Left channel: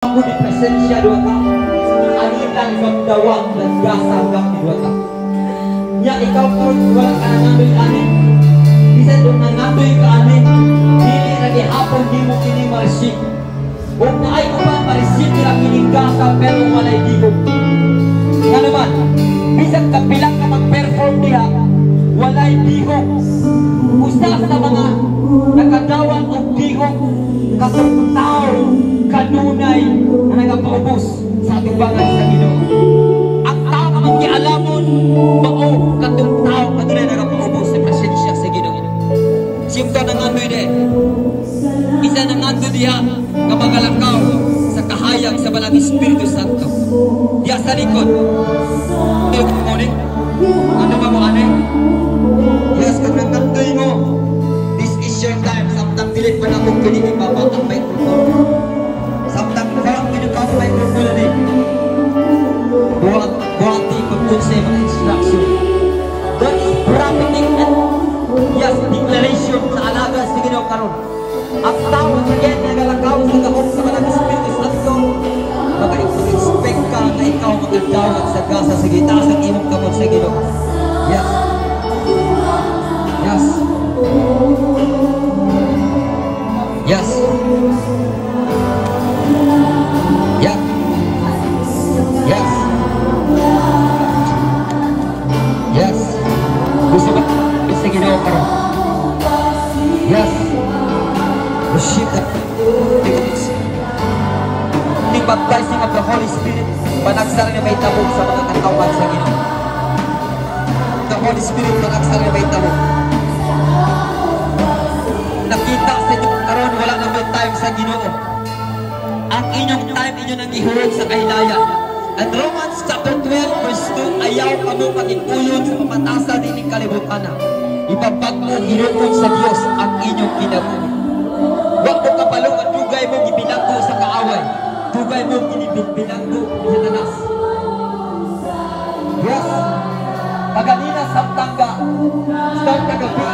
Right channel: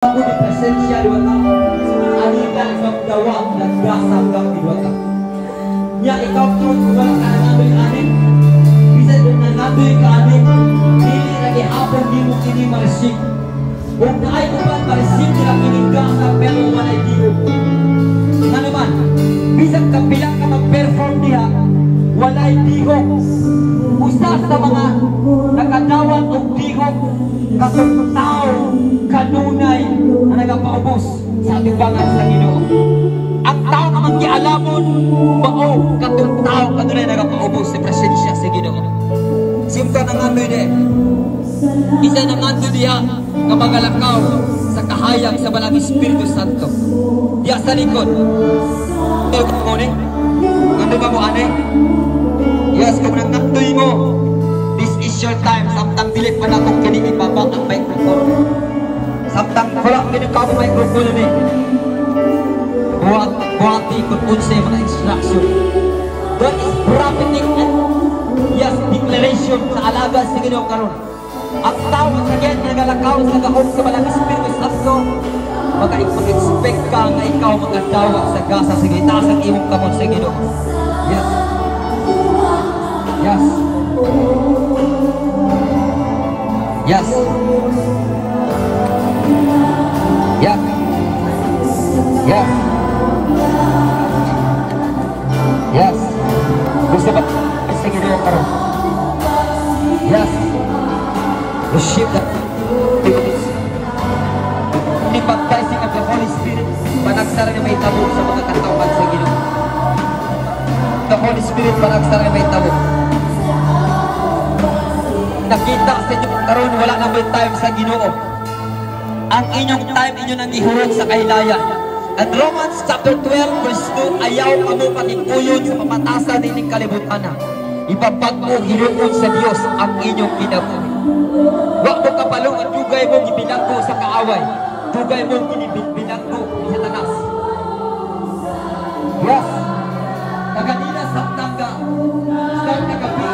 Aku di presensya dua tahun. Ani dan magdawang dan grasa hanggang dua tahun. Ya ikaw po kung kanangamin amin. Bisa doon nangamin ka amin. Dili na gihapon di mo kini marisik. Kung naay ko pa marisik na kinika ka pero walay digog. Nga naman, bisag kapilang ka mag-perform diha, walay digog. Usa sa mga nakadawat og digog katong tao kanunay na nagapaubos sa ating bangal sa Ginoo. Ang tao naman gialamon mao katong tao kanunay nagapaubos sa presensya sa Ginoo. Simta nang ano din. Isa nang ato diha nga magalakaw sa kahayag sa Banal Espiritu Santo. Diya sa likod. Tawag mo ni? Ano ka mo anay? Yes, kung nagtantoy mo, this is your time. Samtang pilit pa na kung kinikipabak ang microphone. Samtang harap kinikap ang microphone rin. Buhat ikot po sa mga instruction. That is prophetic and yes, declaration sa alaga sa Ginoo karon. Ang tao na kagyan nga galakaw sa kahon sa Banal Espiritu Santo, maka-expect ka na ikaw magandawat sa gasa sa gitaas at imong kamot sa Ginoo. Yes. Yes. Yes. Yeah. Yes. Yes. Gusto ba sa Ginoo karon? Yes. Shikat. The baptizing of the Holy Spirit, panagsara na may tabo sa mga katawan sa Ginoo. The Holy Spirit panagsara na may tabo. Nakita sa inyo karon wala na may time sa Ginoo. Ang inyong time inyo nang ihurot sa kahilayan. At Romans chapter 12 verse 2, ayaw kamo makikuyon sa pamatasan ng kalibutan. Ibabag mo hinuon sa Dios ang inyong kinabuhi. Huwag mo kapalong at dugay mo gibinanggo sa kaaway. Dugay mo binanggo sa tanas. Yes. Paganina sa tangga. Start kagabi